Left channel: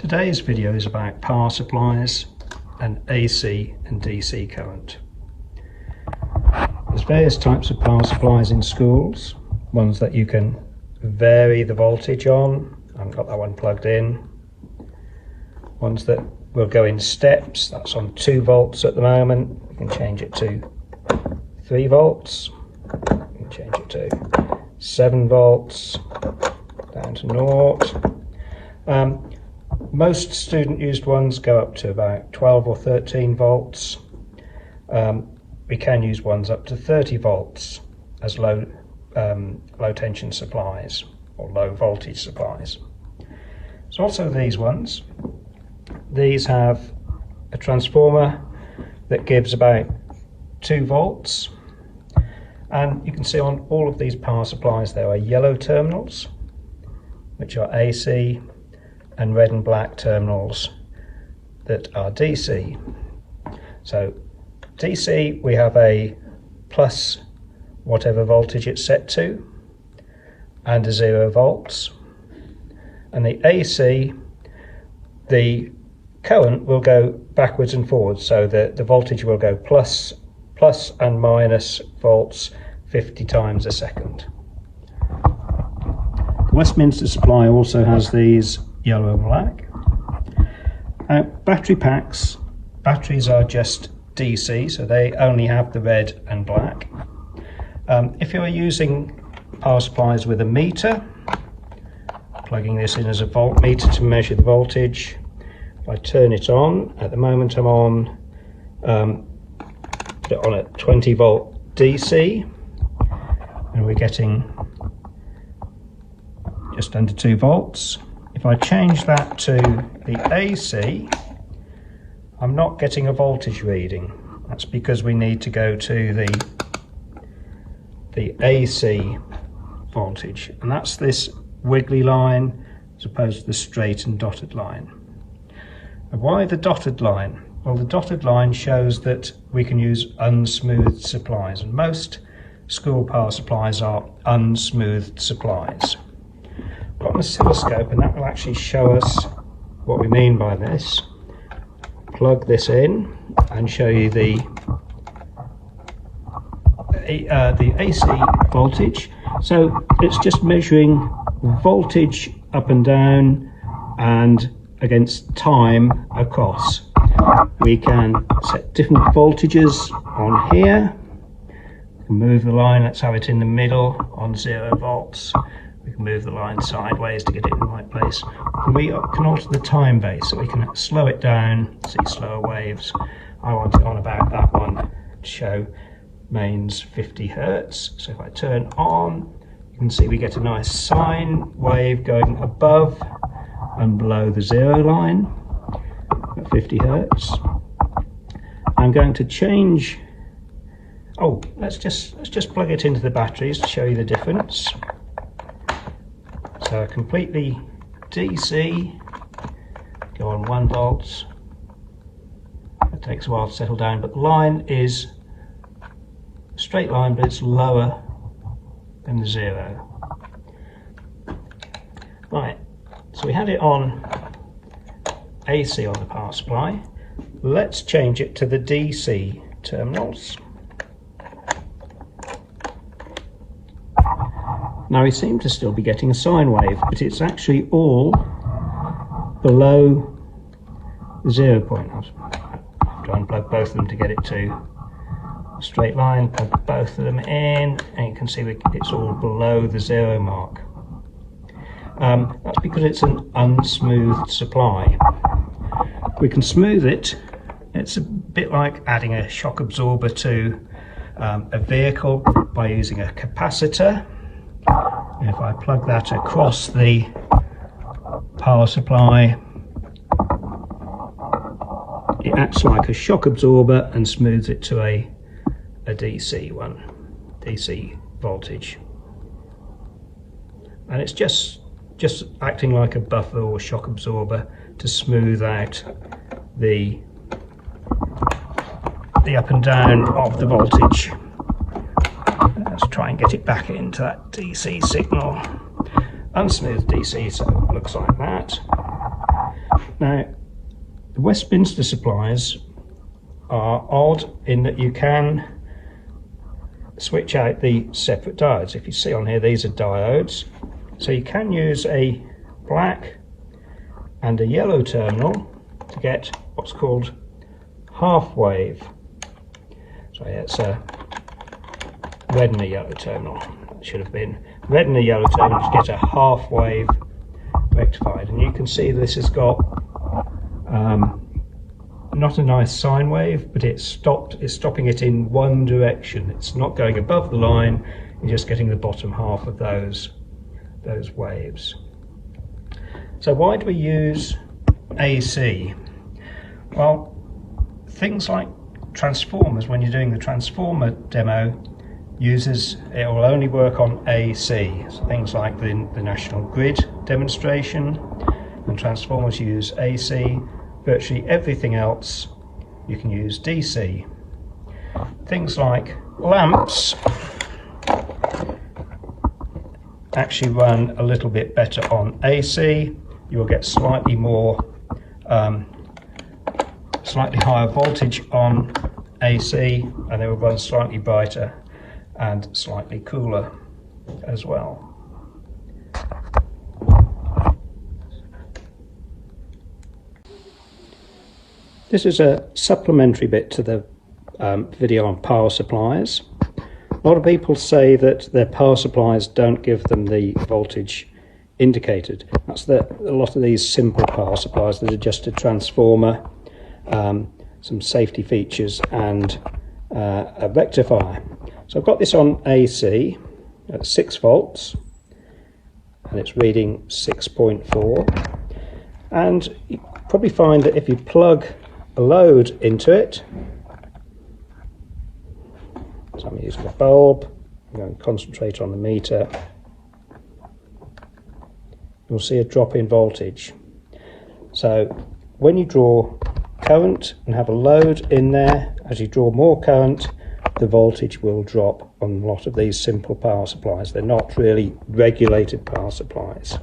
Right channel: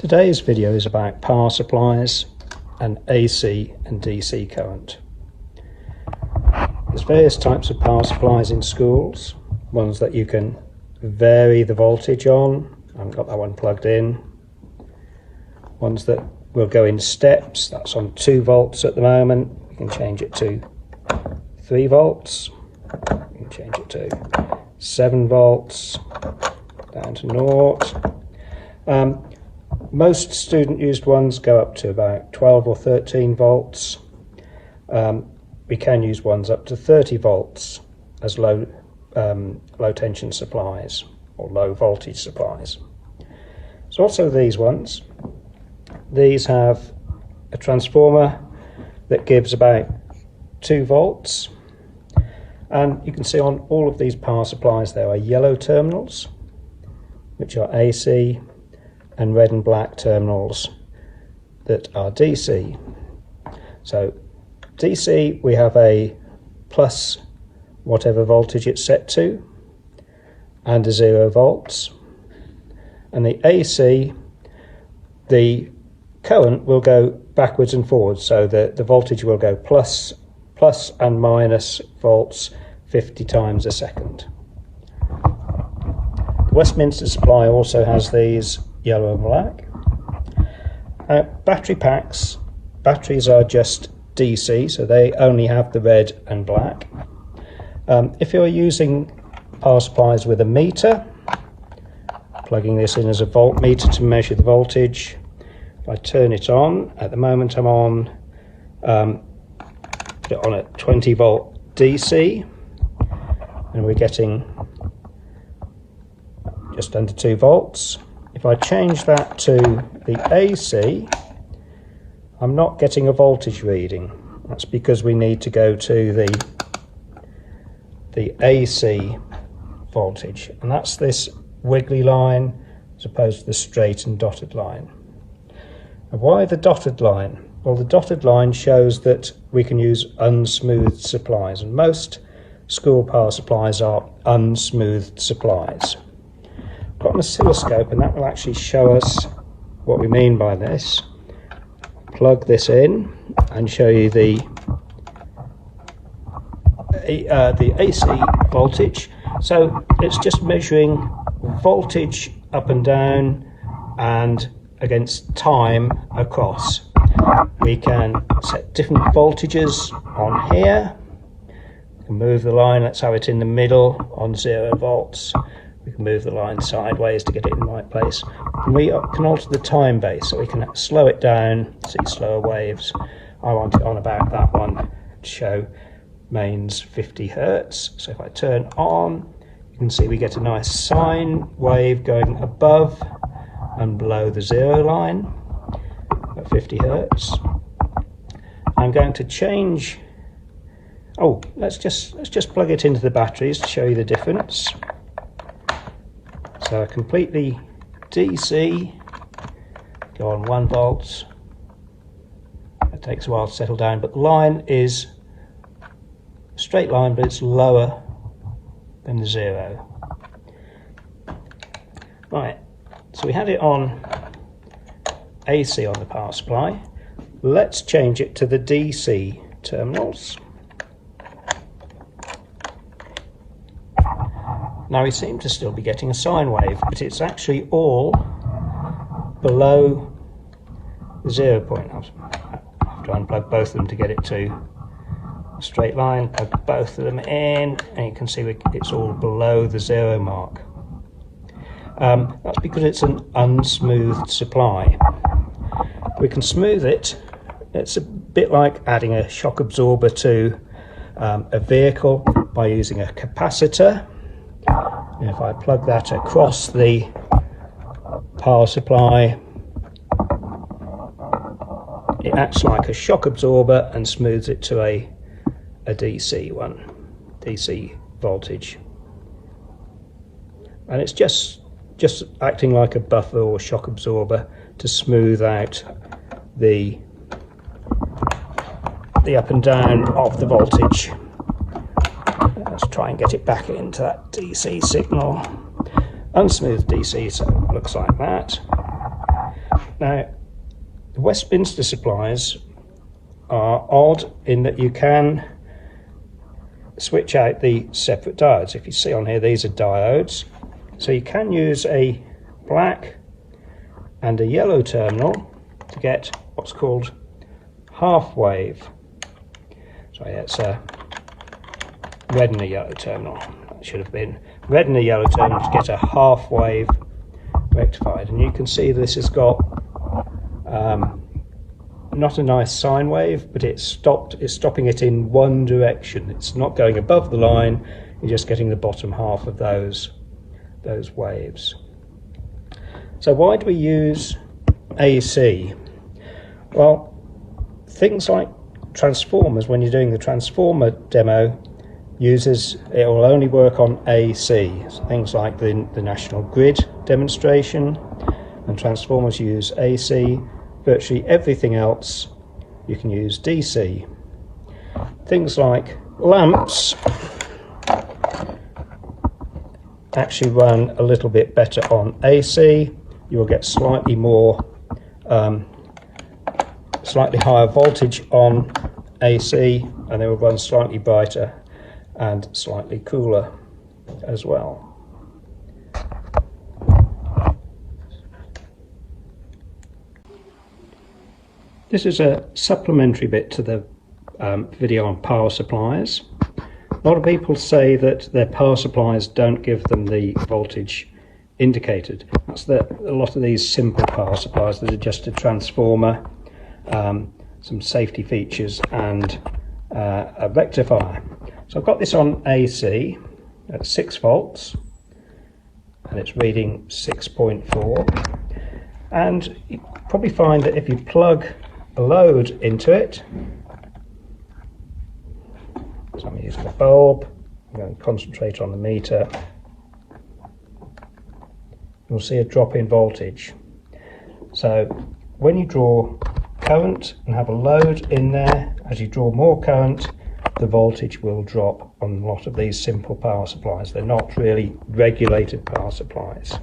Today's video is about power supplies and AC and DC current. There's various types of power supplies in schools, ones that you can vary the voltage on. I haven't got that one plugged in. Ones that will go in steps, that's on 2 volts at the moment. You can change it to 3 volts, you can change it to 7 volts, down to 0. Most student used ones go up to about 12 or 13 volts. We can use ones up to 30 volts as low tension supplies or low voltage supplies. There's also these ones. These have a transformer that gives about 2 volts, and you can see on all of these power supplies there are yellow terminals, which are AC, and red and black terminals that are DC. So DC, we have a plus whatever voltage it's set to and a 0 volts. And the AC, the current will go backwards and forwards, so the voltage will go plus and minus volts 50 times a second. The Westminster supply also has these yellow and black. Battery packs, batteries are just DC, so they only have the red and black. If you're using power supplies with a meter, plugging this in as a voltmeter to measure the voltage, if I turn it on, at the moment I'm on, put it on at 20 volt DC, and we're getting just under 2 volts. If I change that to the AC, I'm not getting a voltage reading. That's because we need to go to the AC voltage, and that's this wiggly line as opposed to the straight and dotted line. And why the dotted line? Well, the dotted line shows that we can use unsmoothed supplies, and most school power supplies are unsmoothed supplies. Got an oscilloscope, and that will actually show us what we mean by this. Plug this in and show you the AC voltage. So it's just measuring voltage up and down and against time across. We can set different voltages on here. We can move the line, let's have it in the middle on 0 volts. We can move the line sideways to get it in the right place. And we can alter the time base, so we can slow it down, see slower waves. I want it on about that one to show mains 50 Hertz. So if I turn on, you can see we get a nice sine wave going above and below the 0 line at 50 Hertz. I'm going to change, let's just plug it into the batteries to show you the difference. So completely DC, go on 1 volt. It takes a while to settle down, but the line is a straight line, but it's lower than the 0. Right, so we had it on AC on the power supply. Let's change it to the DC terminals. Now we seem to still be getting a sine wave, but it's actually all below the 0 point. I have to unplug both of them to get it to a straight line, plug both of them in, and you can see it's all below the 0 mark. That's because it's an unsmoothed supply. We can smooth it. It's a bit like adding a shock absorber to a vehicle by using a capacitor. If I plug that across the power supply, it acts like a shock absorber and smooths it to a DC voltage. And it's just acting like a buffer or shock absorber to smooth out the up and down of the voltage. Let's try and get it back into that DC signal. Unsmoothed DC, so it looks like that. Now, the Westminster supplies are odd in that you can switch out the separate diodes. If you see on here, these are diodes. So you can use a black and a yellow terminal to get what's called half wave. Sorry, it's a red and a yellow terminal. That should have been red and a yellow terminal to get a half wave rectified. And you can see this has got not a nice sine wave, but it's stopping it in one direction. It's not going above the line, you're just getting the bottom half of those waves. So why do we use AC? Well, things like transformers, when you're doing the transformer demo, it will only work on AC. So things like the National Grid demonstration, and transformers use AC. Virtually everything else you can use DC. Things like lamps actually run a little bit better on AC. You will get slightly higher voltage on AC, and they will run slightly brighter and slightly cooler as well. This is a supplementary bit to the video on power supplies. A lot of people say that their power supplies don't give them the voltage indicated. That's a lot of these simple power supplies that are just a transformer, some safety features and a rectifier. So I've got this on AC at 6 volts and it's reading 6.4, and you probably find that if you plug a load into it, so I'm using a bulb, I'm going to concentrate on the meter, you'll see a drop in voltage. So when you draw current and have a load in there, as you draw more current, the voltage will drop on a lot of these simple power supplies. They're not really regulated power supplies.